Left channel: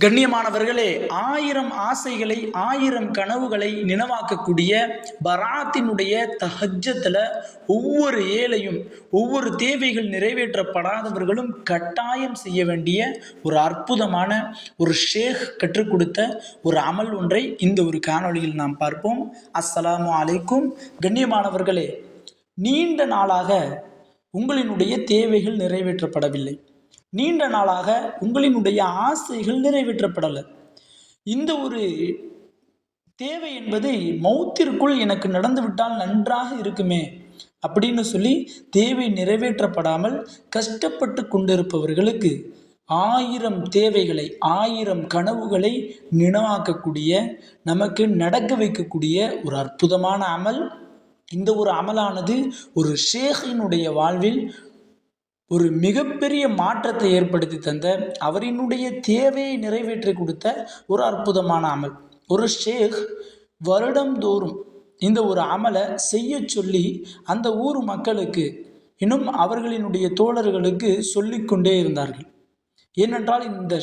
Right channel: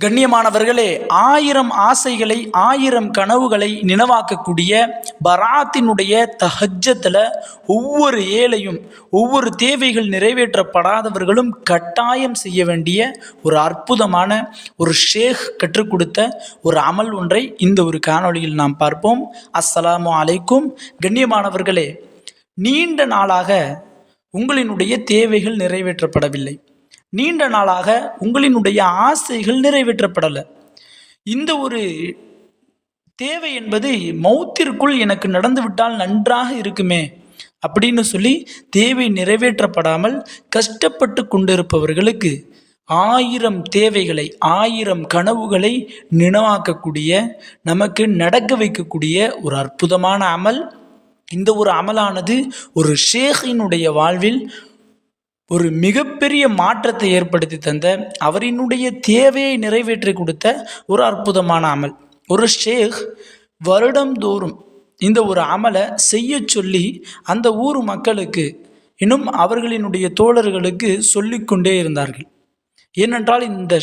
கண்ணியமானவர்களே ஆயிரம் ஆசைகளை ஆயிரம் கனவுகளை நினைவாக்கக்கூடிய பராத்தினுடைய தஹஜத்தில் ஒவ்வொரு ஏழையும் ஒவ்வொரு தேவைகள் நிறைவேற்றப்படாதவர்களும் கட்டாயம் செய்ய வேண்டிய ஒரு அற்புதமான ஒரு ஷேக் கற்றுக் கொடுத்த ஒரு அமல் ஒன்றை இந்த ஒரு காணொளியில் நாம் பார்ப்போம். அஸ்ஸலாமு அலைக்கும். கண்ணியமானவர்களே நீண்ட நாளாக உங்களினுடைய தேவைகள் நிறைவேற்றப்படவில்லை. நீண்ட நாளாக உங்களினுடைய ஆசைகள் நிறைவேற்றப்படலை. இந்த ஒரு தேவை என்பது மௌத்திற்குள் எனக்கு நடந்துவிட்டால் நன்றாக இருக்குமே அப்படின்னு சொல்லி தேவை நிறைவேற்றப்படாமல் கஷ்டப்பட்டு கொண்டிருப்பவர்களுக்கு ஆயிரம் தேவைகளை ஆயிரம் கனவுகளை நினைவாக்கக்கூடிய நமக்கு நடக்க வைக்கக்கூடிய ஒரு அற்புதமான அமல். இந்த ஒரு அமலானது ஒரு ஷேகினுடைய வாழ்வில் ஒரு மிகப்பெரிய மாற்றத்தை ஏற்படுத்தி தந்த அவரினுடைய தேவையை நிறைவேற்றி கொடுத்த ஒரு அற்புதமான அமல். ஒரு ஷேக் வருடந்தோறும் இந்த ஒரு அமலை செய்ய சொல்லி அந்த ஊர் மக்களுக்கு இன்னும் அவர்களினுடைய தோழர்களுக்கு சொல்லிக்கொண்டே இருந்தார்கள். ஏனென்றால் இந்த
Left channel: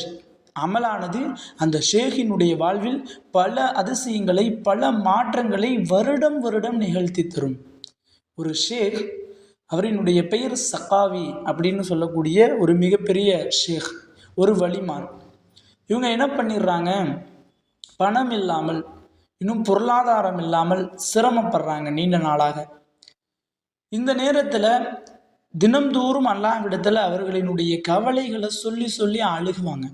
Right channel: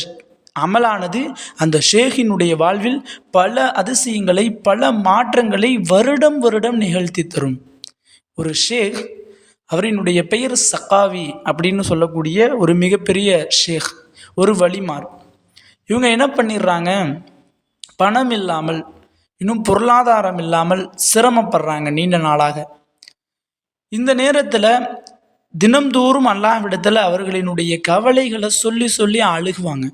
அமலானது அந்த ஷேகினுடைய வாழ்வில் பல அதிசயங்களை பல மாற்றங்களை வருடம் வருடம் நிகழ்த்தி தரும். ஒரு ஷேக் அவரினுடைய பெயர் சக்காவி அப்படின்னு சொல்லக்கூடிய ஒரு மிகப்பெரிய ஷேக் ஒரு வழிமார் இவங்க என்ன பண்ணிடுறாங்க? பணம் இல்லாமல் இன்னும் பொருளாதாரம் இல்லாமல் சிரமப்படுறாங்க நீண்ட நாளாக. இந்த நேரத்தில் தினம்தோறும் அல்லாவிடத்தில் அவர்களினுடைய கவலைகளை சொல்லி சொல்லி அழுகுவாங்க.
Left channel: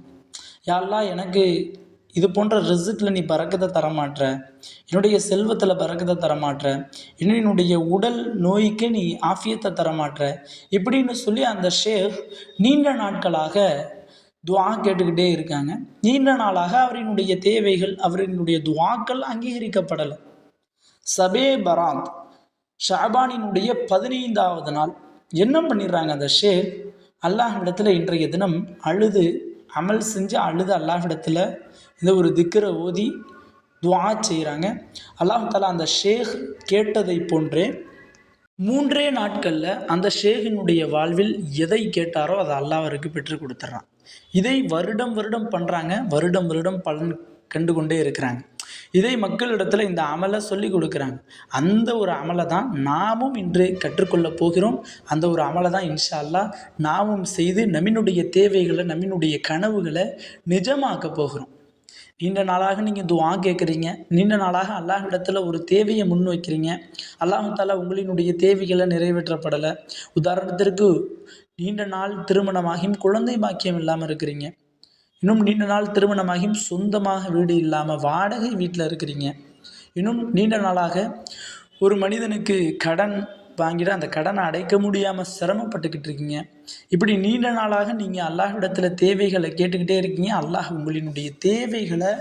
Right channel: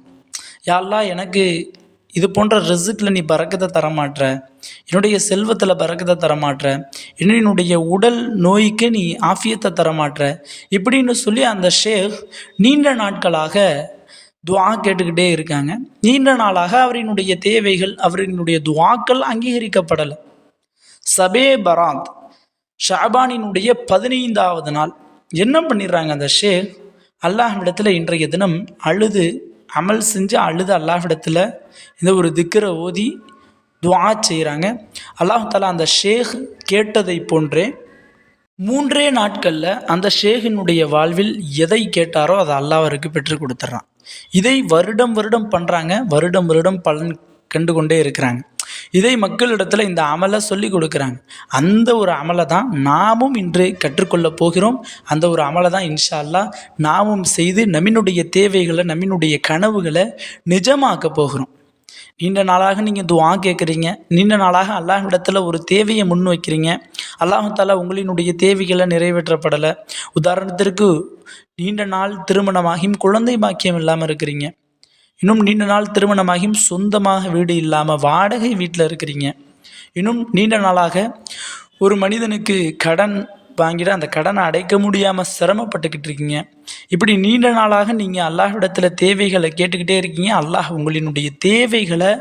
யாரெல்லாம் எனக்கு இது போன்ற ரிசுக்கில் நீ பறக்கத்தை தரமாட்டுற என்னுடைய செல்வத்தில் பறக்கத்தை தரமாட்ற. என்னுடைய உடல் நோய்க்கு நீ ஆஃபியத்தை தரமாட்டுற இப்படின்னு சொல்லி அந்த ஷேக் நீண்ட நாட்களாக துவா கேட்டுக்கிட்டே இருக்காங்க. நீண்ட நாளாக அவரினுடைய தேவைகள் அவரினுடைய துவாக்கள் அங்கீகரிக்கப்படலை. சபே பராத் ஷாபானினுடைய பதினைந்தாவது நாள். என்ன பண்ணிடுறாங்க அந்த ஷேக்? அல்லாஹ்விடத்தில் இன்றைய தினம் அழுது அமல் செஞ்சு அழுது அல்லாஹிடத்தில் இந்த ஒரு திக்கரை ஓதி துவா செய்கிறாங்க அல்லாஹ் அந்த ஷேக் கேட்டதை போன்றே மூன்றே நாட்களில் அந்த ஷேகினுடைய வாழ்வில் எதை கேட்டாரோ அதை அல்லாஹருக்கு பெற்று பெற்றுக் கொடுத்துட்றான் இதை வருடம் வருடம் பண்ணுறாங்க வருடம் வருடம் பலன் கண்டு கொண்டே இருக்கிறாங்க. இதை மக்களிடத்தில் இந்த அமலை சொல்லி கொடுக்குறாங்க. அந்த ஒரு அமலை தான் நாமும் இன்று கற்றுக்கொள்ள போகிறோம். அந்த ஒரு அமலை தான் இன்ஷா அல்லாஹ் நாமும் செய்து நம்மினுடைய தேவைகளை நம்மினுடைய கனவுகளை நிஜமாக்க போகிறோம். நீண்ட நாளாக நீங்கள் துவா கேட்குறீங்க. நீண்ட நாளாக அல்லாஹ்விடத்தில் ஒரு தேவையை முன் வைக்கிறீங்க. அல்லாஹால உங்களினுடைய தேவைகளை நிறைவேற்றப்படலை. உதாரணத்திற்கு நீண்ட நாள் திருமணமாகியும் குழந்தை பாக்கியம் இல்லாமல் இருக்கிறீங்க. இன்னும் நீண்ட நாள் திருமணமாகியும் சொந்தமாக வீடு இல்லாமல் வாடகை வீட்டில் இருக்கிறீங்க. இன்னும் நீண்ட நாளாக ஒரு மனிதனுக்கு கடன் வாங்கிட்டு அந்த கடனை அடைக்க முடியாமல் சிரமப்பட்டுக்கிட்டு இருக்கீங்க. இப்படி நீண்ட நாளாக நீங்கள் அல்லாஹ்விடத்தில் தேவைகளை கேட்டுக்கிட்டே இருக்கீங்க. அல்லாஹ் உங்களினுடைய தேவைகளை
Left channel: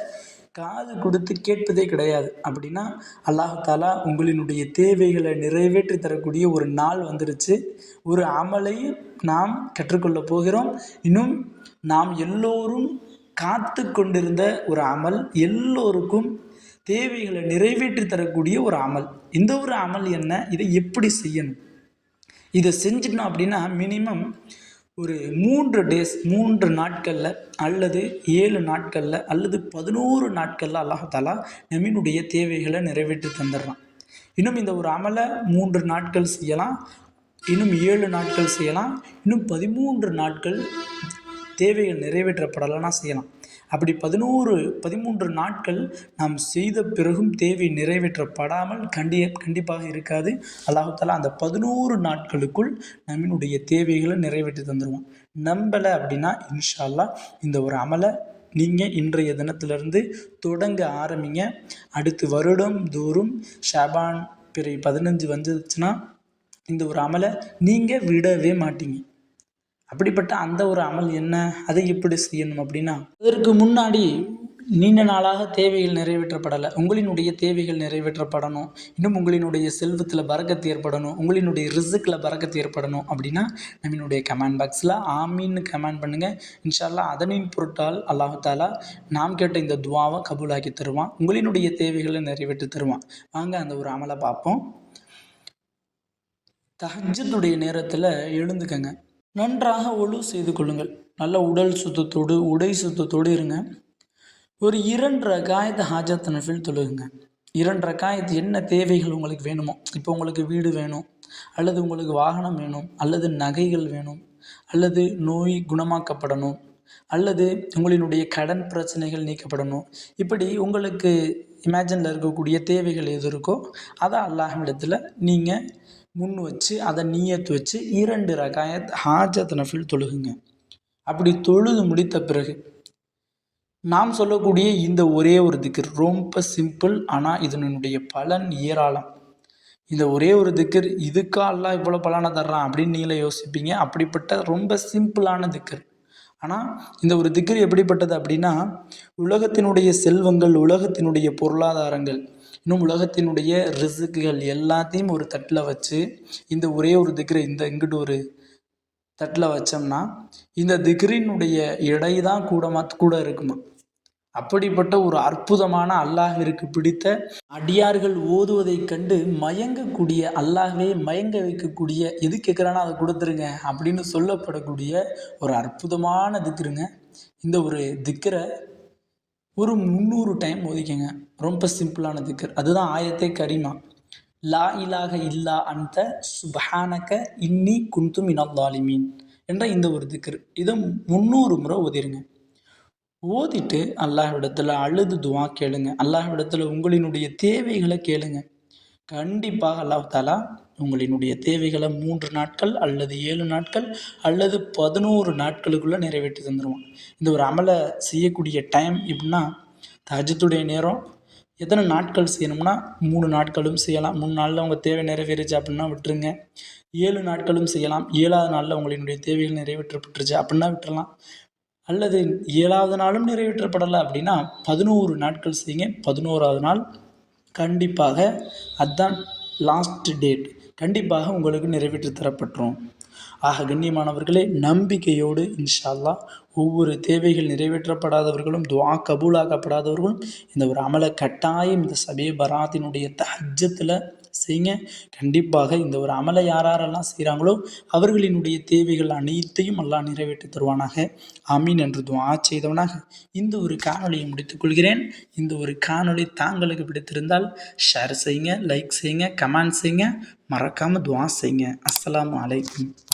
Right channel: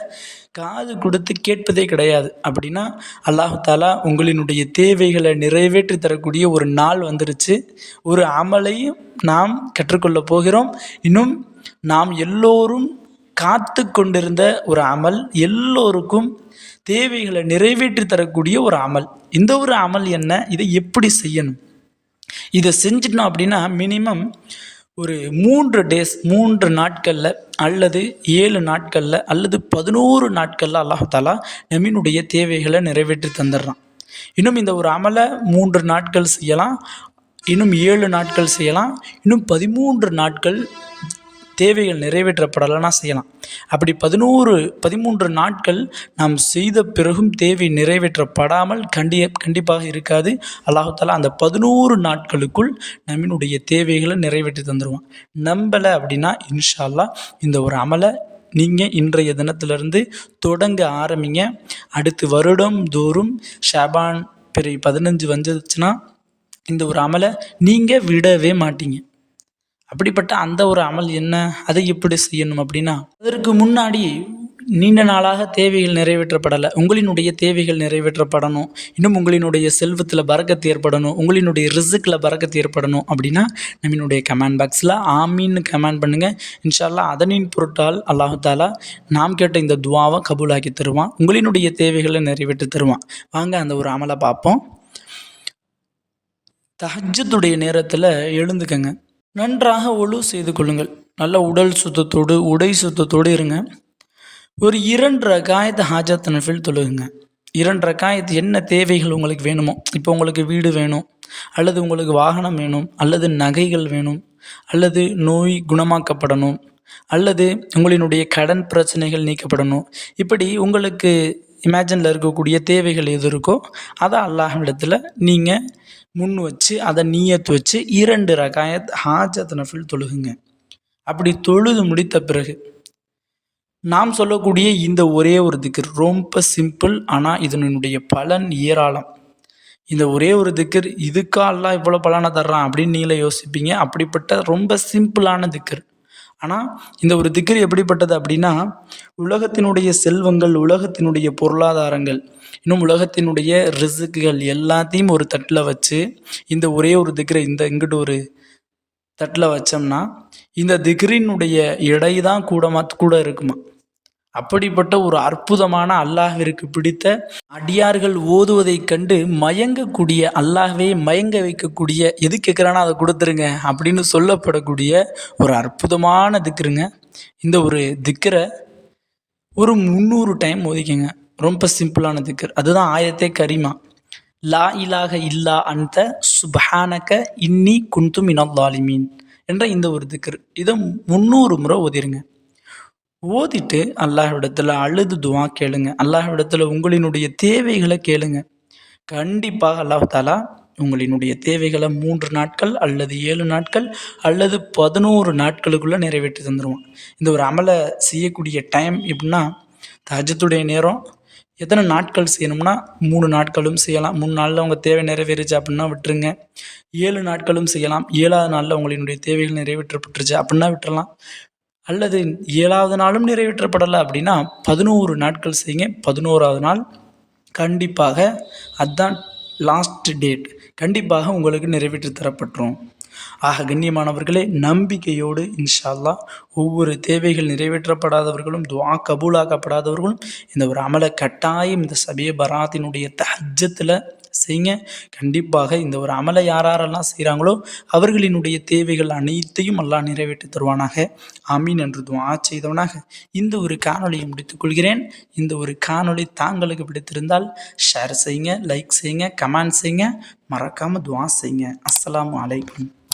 காது கொடுத்து கேட்பதே கிடையாது. அப்படின்னா அல்லாஹு தாலா உங்களினுடைய தேவைகளை நிறைவேற்றி தரக்கூடிய ஒரு நாள் வந்துருச்சு. ஒரு அமலையும் நாம் கற்றுக்கொள்ள போகிறோம். இன்னும் நாம் எல்லோரும் காத்து கொண்டிருந்த ஒரு அமல் எல்லோருக்கும் தேவைகளை நிறைவேற்றி தரக்கூடிய ஒரு அமல். இந்த ஒரு அமல் என்ன? இதை எப்படி செய்யணும்? இதை செஞ்சிட்டோம் அப்படின்னா மினிமம் ஒரு மூன்று டேஸ் மூன்று நாட்களில் அல்லது ஏழு நாட்களில் அல்லது பதினோரு நாட்களில் அல்லாஹாலா நம்மினுடைய தேவைகளை நிறைவேற்றி தந்துடுறான். இன்னும் இந்த ஒரு அமலை மூன்று நாட்கள் செய்யலாம் இன்னும் ஏழு நாட்கள் செய்யலாம் இன்னும் பதிமூன்று நாட்கள் தேவைகள் நிறைவேற்றப்படலைன்னா செய்யலாம். அப்படி பதினோரு பதிமூன்று நாட்கள் நாம் செய்த பிறகும் தேவை நிறைவேற்றப்படாமல் கண்டி கண்டிப்பாக இருக்காது. அல்லாஹாலா அந்த பதினோரு நாட்களுக்குள் நம்மினுடைய தேவைகளை நிறைவேற்றி தந்துடுவான் நம்பலை அப்படின்னா இன்ஷால்லா இந்த ஒரு அமலை நீங்கள் இன்றைய தினத்திலிருந்து தொடங்க ஆரம்பிங்க. அடுத்து வருடம் தோறும் ஷாபான் பிறை பதினஞ்சு வந்துச்சுன்னா இந்த ஒரு அமலை நீங்கள் விடவே மாட்டீங்க. அப்படிப்பட்ட அந்த ஒரு அமல் என்ன? அதை எப்படி செய்யணும் அப்படின்னா அதற்கு முன்னாடி நீண்ட நாளாக தேவைகள் நிறைவேற்றப்படலை. உங்களினுடைய தேவைகள் நிறைவேற்றப்படணும். இன்னும் உங்களினுடைய செல்வத்தில் பறக்கத்து ஏற்படணும். உங்களினுடைய ரிசுக்கில் பறக்கத்து ஏற்படணும் அப்படின்னா நம்மளுடைய கமெண்ட் பாக்ஸில் ஆமின்னு கமெண்ட் பண்ணுங்கள் இன்ஷால்லா அதனின் பொருட்டால் அல்லாஹாலா நாம் கேட்ட இந்த துவாவை கபூலாக்கி தருவான். உங்களினுடைய தேவைகளை நிறைவேற்றி தருவான். வாங்க அந்த ஒரு அமலை பார்ப்போம். தஹஜத்துடைய நேரத்தில் எழுந்துக்கங்க. நன்றாக ஒழு செய்து கொள்ளுங்கள். நல்ல உடல் சுத்தத்தோடு உடை சுத்தத்தோடு இருங்க. ஒரு இரண்டு ரகாயத்து ஹாஜத் நஃபில் தொழுகுங்க. இரண்டு ரகாயத்து என்ன தேவைகள் உங்களுக்கு வேணுமோ இப்போ உங்களுக்கு வீடு வேணும் அல்லது உங்களுக்கு வாகனம் வேணும் அல்லது நகைகள் வேணும் அல்லது நோய் குணமாக்கப்படணும் அல்லது உங்களினுடைய கடன் பிரச்சனைகள் நீக்கப்படணும் இப்படி உங்களுக்கு இமேஜினில் இருக்கக்கூடிய தேவைகள் எது இருக்கோ அதை அல்லாஹிடத்தில் நீங்கள் முன் வச்சு அதை நீயத்து வச்சு இரண்டு ரகாயத் ஹாஜத் நஃபில் தொழுகுங்க. அப்படி தொழுது முடித்த பிறகு நாம் சொல்லக்கூடிய இந்த ஒரே ஒரு திக்கர் ரொம்ப சிம்பிள் ஆனால் இதனுடைய பலன் ஏராளம். இந்த ஒரே ஒரு திக்கர் இதுக்கா அல்லாஹ் இவ்வளோ பலனை தர்றான் அப்படின்னு நீங்களே யோசிப்பீங்க. அப்படிப்பட்ட ரொம்ப சிம்பிளான திக்கர் ஆனால் இந்த ஒரு திக்ர் எப்படிப்பட்டது அப்படின்னா உலகத்தினுடைய செல்வங்கள் உலகத்தினுடைய பொருளாதாரங்கள் இன்னும் உலகத்தினுடைய ரிசுக்குகள் எல்லாத்தையும் ஒரு தட்டில் வச்சு இந்த ஒரே ஒரு திக்ரை இந்த இங்கிட்டு ஒரு தட்டில் வச்சோம்னா இந்த திக்ரினுடைய எடை தான் கூடமா கூட இருக்குமா? அப்படிப்பட்ட ஒரு அற்புதமான அல்லாஹிற்கு பிடித்த அடியார்கள் ஓதுவதைக் கண்டு மயங்கக்கூடிய அல்லாஹ்வே மயங்க வைக்கக்கூடிய எது கேட்குறானோ அதை கொடுத்துருங்க அப்படின்னு சொல்லப்படக்கூடிய ஒரு அற்புதமான திக்ருங்க. இந்த ஒரு திக்கரை ஒரு முந்நூறு டைம் ஓதிக்கங்க. ரொம்ப சிம்பிளான திக்கர் அதுதான் ஆயத்தே கரிமா. லா இலாக இல்லா அந்த சுபஹானக இன்னி குந்து மினல்லாலிமீன் என்ற இந்த ஒரு திக்கர் இதை முந்நூறு முறை ஓதிருங்க. ஓதிட்டு அல்லாஹ்விடத்தில் அழுது துவா கேளுங்க. அல்லாஹ்விடத்தில் உங்களினுடைய தேவைகளை கேளுங்க. கண்டிப்பாக அல்லாஹ் தாலா உங்களினுடைய தேவைகளை மூன்று நாட்கள் அல்லது ஏழு நாட்கள் அல்லது பதினோரு நாட்களுக்குள்ளே நிறைவேற்றி தந்துடுவான் இந்த ஒரு அமலை செய்யக்கூடிய டைம் எப்படின்னா தஜத்துடைய நேரம் எத்தனை நாட்கள் செய்யணும்னா மூணு நாட்களும் செய்யலாம். மூணு நாளில் உங்கள் தேவை நிறைவேறுச்சு அப்படின்னா விட்டுருங்க. ஏழு நாட்களும் செய்யலாம். ஏழாவது நாளில் உங்களினுடைய தேவைகள் நிறைவேற்றப்பட்டுருச்சு அப்படின்னா விட்டுறலாம். அல்லது ஏழாவது நாளும் நிறைவேற்றப்படலை அப்படின்னா பதினோரு நாட்கள் செய்யுங்க. பதினோராவது நாள் கண்டிப்பாக அதுதான் லாஸ்ட் டேட் கண்டிப்பாக உங்களுக்கு நிறைவேற்றி தரப்பட்டுரும். ஆக கண்ணியமானவர்களே நம்பிக்கையோடு இன்ஷால்லா ஒவ்வொரு தேவைகள் நிறைவேற்றப்படாதவர்களும் துவா கபூலாக்கப்படாதவர்களும் இந்த ஒரு அமலை கட்டாயம் இந்த சபைய பராத்தினுடைய தஹஜத்தில் செய்யுங்க. கண்டிப்பாக இந்த ஒரு அமலை யார் யாரெல்லாம் செய்கிறாங்களோ அவர்களினுடைய தேவைகள் அனைத்தையும் எல்லாம் நிறைவேற்றி தருவானாக. ஆமீன் என்று துவா செய்தவனாக. இந்த ஒரு காணொளியை முடித்துக்கொள்கிறேன் இந்த ஒரு காணொளி தாங்களுக்கு பிடித்திருந்தால் ஷேர் செய்யுங்க லைக் செய்யுங்க கமெண்ட் செய்யுங்க. மறக்காமல் துவா செய்யுங்க. அஸ்ஸலாமு அலைக்கும்.